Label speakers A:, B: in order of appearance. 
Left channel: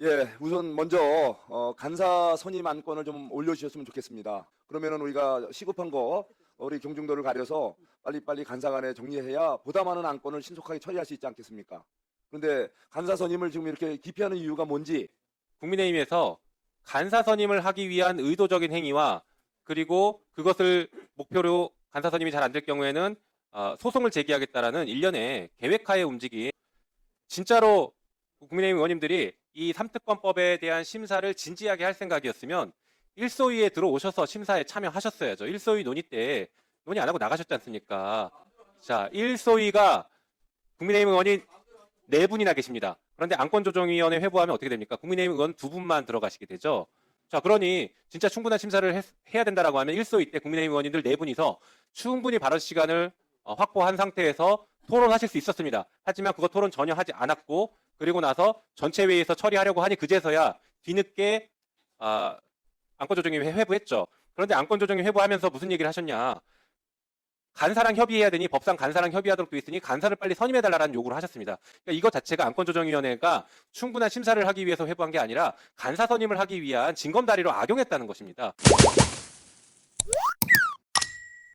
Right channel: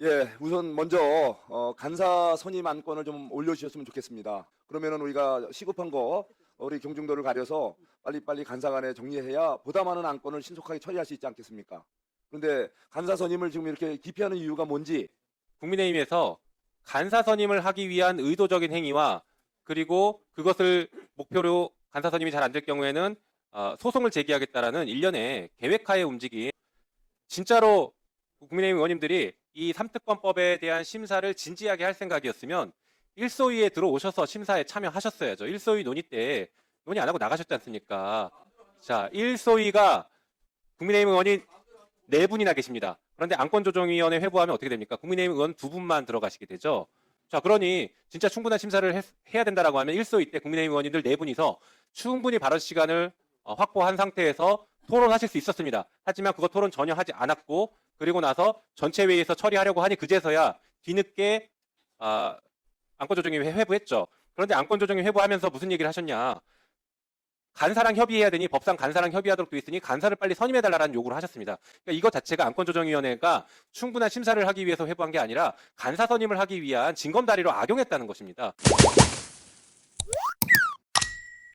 A: 예, 우선 먼저 어, 간사 선임 안건을 좀 올려주셨으면 좋겠습니다. 그러면은 우리가 시급한 거 우리 경중도를 가려서 빨리빨리 간사간에 정리해야 보다 많은 안건을 신속하게 처리할 수 있지 않겠습니까? 그런데 간사 선임을 지금 이렇게 기피하는 이유가 뭔지
B: 국민의힘에서 간사 선임을 하기 위한 의도적인 행위와 그리고 그것을 목표로 간사 선임이 잘 안 될 경우에는 아, 소송을 제기하겠다라는 일련의 계획하에 움직인 진짜로 국민의힘 의원님들이 이 삼특권법에 대한 심사를 진지하게 할 생각이었으면 일소위에 들어오셔서 심사에 참여하셨어야죠. 일소위 논의 때 논의 안 하고 나가셨지 않습니까? 자, 일소위가 국민의힘 의원이 네 분이나 계십니다. 그런데 안건조정위원회 회부하면 어떻게 됩니까? 국민의힘 의원 두 분만 들어가시게 되죠. 자, 그러니 진짜 충분한 심사를 했- 해야 된다라고 하면 일소위 때 국민의힘 의원님들 네 분이서 충분히 발언 시간을 어, 확보한 상태에서 토론하실 수 있었습니다. 하지만 그거 토론 전혀 하지 않았고 그리고 나서 전체 회의에서 처리하려고 하니 그제서야 뒤늦게 아, 안건조정위 회부했죠. 그런데 안건조정위 회부하면서 무슨 얘기를 하셨냐? 간사랑 협의해야 되니 법상 간사랑 협의하도록 돼 있으니 간사를 빨리 선임해달라는 요구를 하셨습니다. 그러니까 이거 자체가 안건조정위원회가 충분한 심사를 하기 위해서 회부한 게 아니라 간사 선임을 하기 위한 징검다리로 악용했다는 것입니다.